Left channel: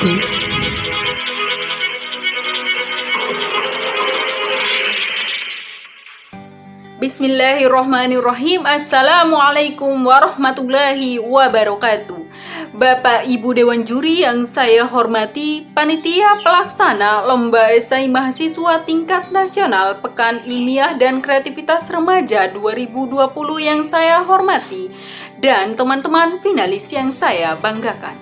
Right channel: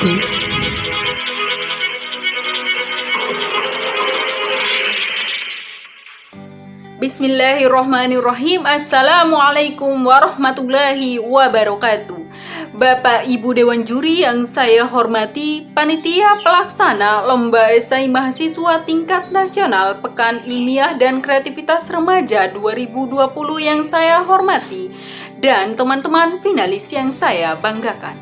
Bismillahirrohmanirrohim. Assalamualaikum warahmatullahi wabarakatuh. Bapak Ibu Dewan Juri yang saya hormati, Panitia Pelaksana Lomba Esai Mahasiswa Tingkat Nasional Pekan Ilmiah dan Kreativitas Remaja 2020 yang saya hormati, dan teman-teman finalis yang saya banggakan.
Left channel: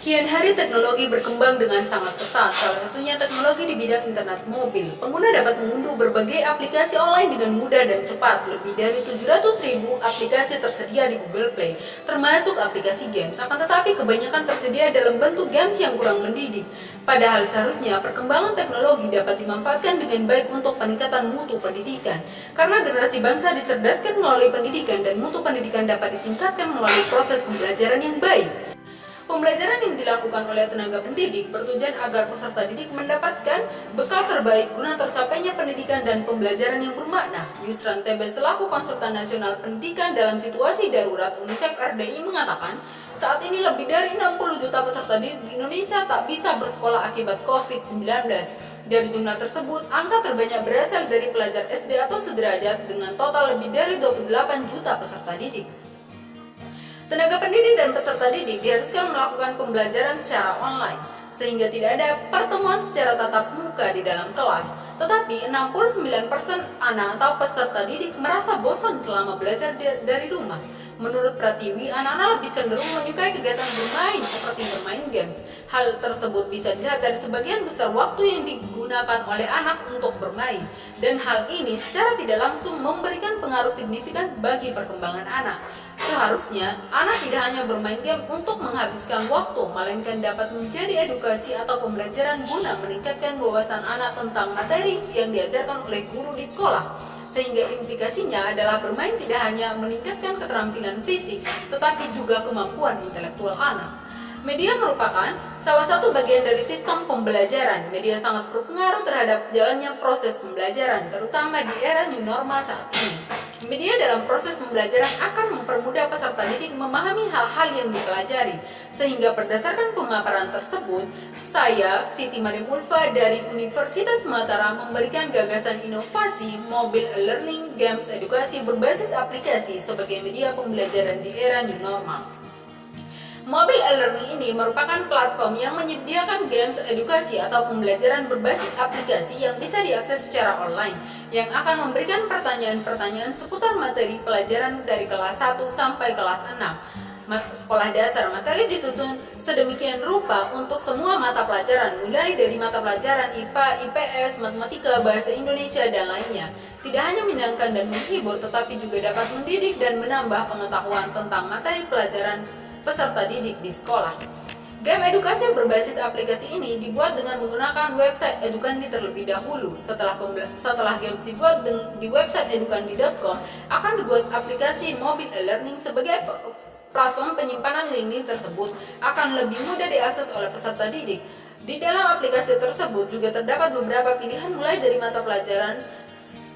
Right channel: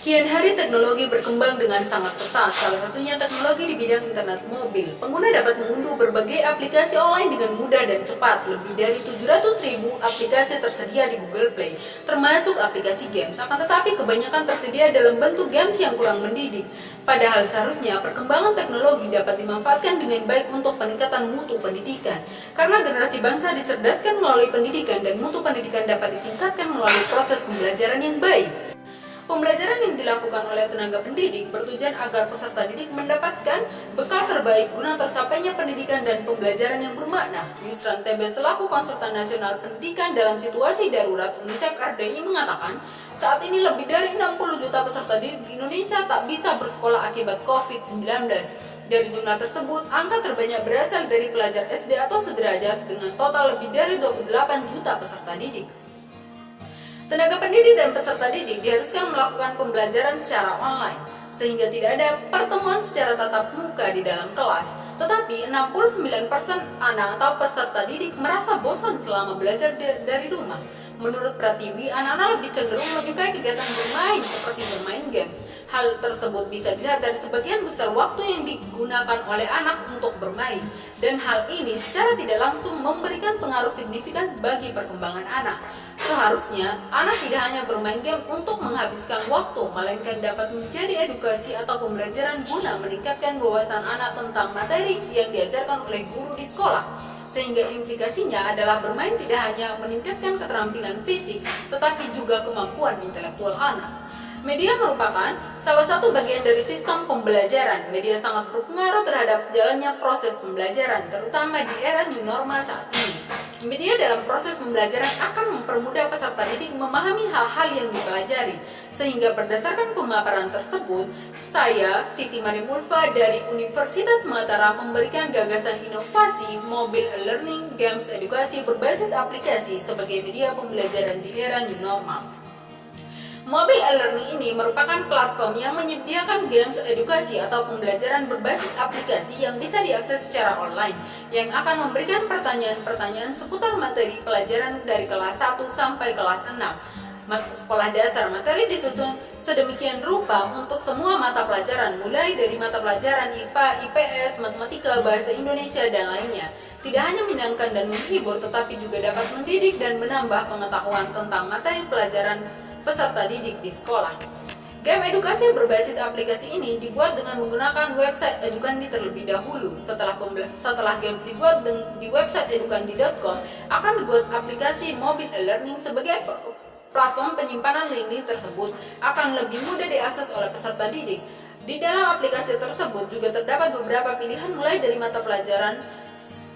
Kian hari teknologi berkembang dengan sangat pesat, salah satunya teknologi di bidang internet mobil. Pengguna dapat mengunduh berbagai aplikasi online dengan mudah dan cepat. Lebih dari 700.000 aplikasi tersedia di Google Play, termasuk aplikasi games. Akan tetapi kebanyakan tersedia dalam bentuk games yang kurang mendidik. Padahal seharusnya perkembangan teknologi dapat dimanfaatkan dengan baik untuk peningkatan mutu pendidikan. Karena generasi bangsa dicerdaskan melalui pendidikan dan mutu pendidikan dapat ditingkatkan melalui proses pembelajaran yang baik. Pembelajaran yang dilakukan oleh tenaga pendidik bertujuan agar peserta didik mendapatkan bekal terbaik guna tercapainya pendidikan dan pembelajaran yang bermakna. Yusran Tebe selaku Konsultan Nasional Pendidikan dalam Situasi Darurat UNICEF RDI mengatakan, saat ini lebih dari 60 juta peserta didik di Indonesia tak bisa bersekolah akibat COVID-19. Dari jumlah tersebut, angka terbanyak berasal dari pelajar SD atau sederajat dengan total lebih dari 28 juta peserta didik. Tenaga pendidik dan peserta didik diharuskan melakukan pembelajaran secara online, sehingga tidak ada pertemuan secara tatap muka di dalam kelas. Tetapi 69% anak atau peserta didik merasa bosan selama belajar dari rumah. Menurut Pratiwi, anak-anak lebih cenderung menyukai kegiatan bermain seperti bermain games. Hal tersebut bisa dilihat dari sebagian besar waktu yang digunakan oleh anak untuk bermain. Dan hal ini secara tidak langsung memberikan pengaruh signifikan bagi perkembangan anak. Seharusnya, anak tidak hanya bermain game untuk menghabiskan waktu, melainkan dapat menjadi edukasi atau pembelajaran guna meningkatkan wawasan anak tentang materi yang diajarkan oleh guru di sekolah. Sehingga implikasinya adalah bermain tidak hanya meningkatkan keterampilan fisik, tetapi juga kemampuan intelektual anak. Media merupakan salah satu bagian dari sistem pembelajaran. Media sangat berpengaruh terhadap jalannya proses pembelajaran, terutama di era new normal saat ini. Media dalam proses pembelajaran akan mempermudah peserta didik memahami hal-hal yang dipelajari. Sehingga berdasarkan pemaparan tersebut, saya, Siti Mariam Ulfa dari Universitas Mataram memberikan gagasan inovasi mobile learning games edukasi berbasis aplikasi sebagai media pembelajaran di era new normal. Mobile e-learning ini merupakan platform yang menyediakan games edukasi atau pembelajaran berbasis aplikasi yang bisa diakses secara online, yang akan memberikan pertanyaan-pertanyaan seputar materi pelajaran dari kelas 1 sampai kelas 6. Sekolah dasar materi disusun sedemikian rupa untuk semua mata pelajaran, mulai dari mata pelajaran IPA, IPS, Matematika, Bahasa Indonesia, dan lainnya. Tidak hanya menyenangkan dan menghibur, tetapi juga dapat mendidik dan menambah pengetahuan tentang materi pelajaran peserta didik di sekolah. Game edukasi berbasis aplikasi ini dibuat dengan menggunakan website Edukandi terlebih dahulu. Setelah game dibuat di website edukandi.com, akan dibuat aplikasi mobile e-learning sebagai platform penyimpanan link tersebut akan lebih mudah diakses oleh peserta didik. Di dalam aplikasi tersebut juga terdapat beberapa pilihan mulai dari mata pelajaran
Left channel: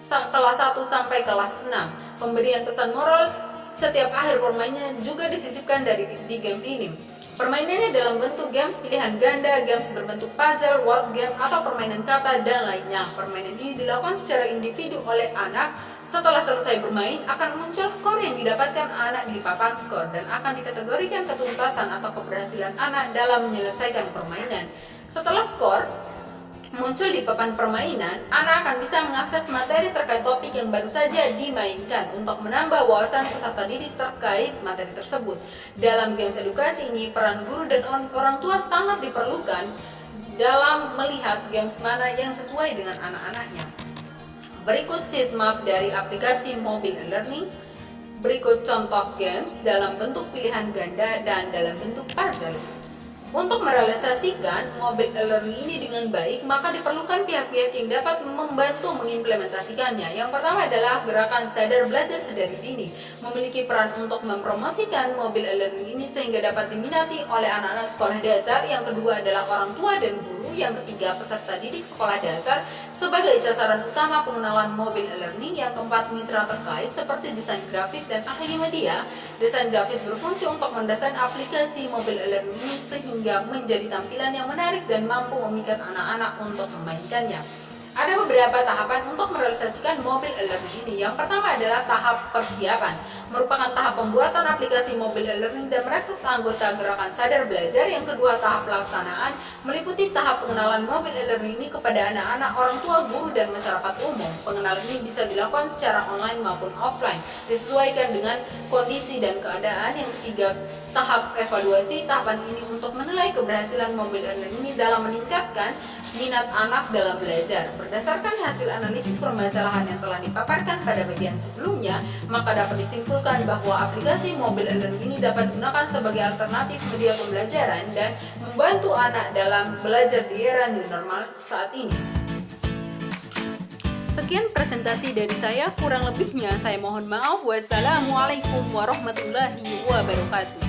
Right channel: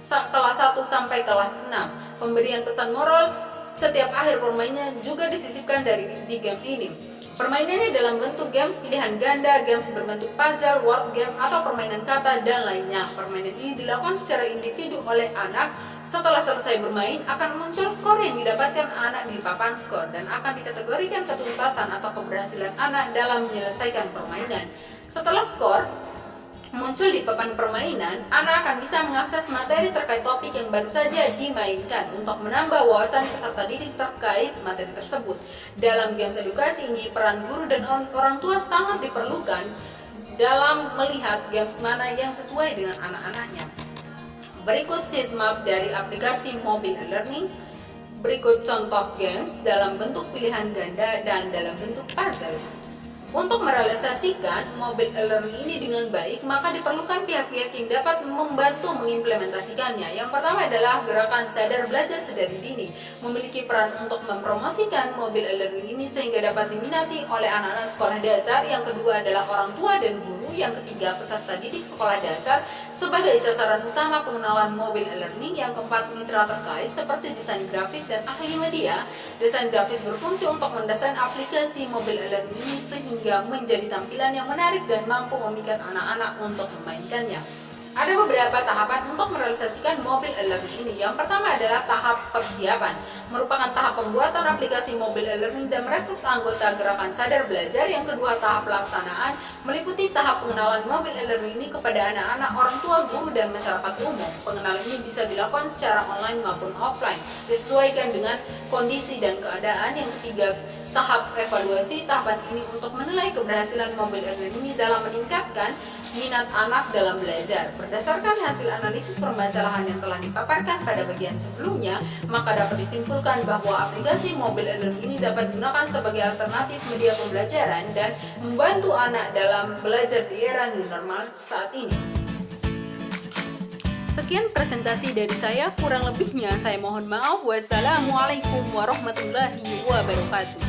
kelas 1 sampai kelas 6. Pemberian pesan moral setiap akhir permainan juga disisipkan di game ini. Permainannya dalam bentuk games pilihan ganda, games berbentuk puzzle, word game, atau permainan kata, dan lainnya. Permainan ini dilakukan secara individu oleh anak. Setelah selesai bermain, akan muncul skor yang didapatkan anak di papan skor dan akan dikategorikan ketuntasan atau keberhasilan anak dalam menyelesaikan permainan. Setelah skor muncul di papan permainan, anak akan bisa mengakses materi terkait topik yang baru saja dimainkan untuk menambah wawasan peserta didik terkait materi tersebut. Dalam games edukasi ini, peran guru dan orang tua sangat diperlukan dalam melihat games mana yang sesuai dengan anak-anaknya. Berikut sitemap dari aplikasi mobile learning. Berikut contoh games dalam bentuk pilihan ganda dan dalam bentuk puzzle. Untuk merealisasikan mobile e-learning ini dengan baik, maka diperlukan pihak-pihak yang dapat membantu mengimplementasikannya. Yang pertama adalah gerakan sadar belajar sedari dini, memiliki peran untuk mempromosikan mobile e-learning ini sehingga dapat diminati oleh anak-anak sekolah dasar. Yang kedua adalah orang tua dan guru. Yang ketiga, peserta didik sekolah dasar. sebagai sasaran utama pengenalan mobile e-learning. Yang keempat, mitra terkait seperti desain grafik dan ahli media. Desain grafis berfungsi untuk mendesain aplikasi mobile e-learning ini sehingga menjadi tampilan yang menarik dan mampu memikat anak-anak untuk memainkannya. Ada beberapa tahapan untuk merealisasikan mobile e-learning ini. Yang pertama adalah tahap persiapan, merupakan tahap pembuatan aplikasi mobile e-learning dan merekrut anggota gerakan sadar belajar. Yang kedua, tahap pelaksanaan, meliputi tahap pengenalan mobile e-learning ini kepada anak-anak, orang tua, guru, dan masyarakat umum. Pengenalan ini bisa dilakukan secara online maupun offline, disesuaikan dengan kondisi dan keadaan. Yang ketiga, tahap evaluasi. Tahapan ini untuk menilai keberhasilan mobile e-learning ini dalam meningkatkan minat anak dalam belajar. Berdasarkan hasil analisis permasalahan yang telah dipaparkan pada bagian sebelumnya, maka dapat disimpulkan bahwa aplikasi mobile e-learning ini dapat digunakan sebagai alternatif media pembelajaran dan membantu anak dalam belajar di era new normal saat ini. Sekian presentasi dari saya, kurang lebihnya saya mohon maaf. Wassalamualaikum warahmatullahi wabarakatuh.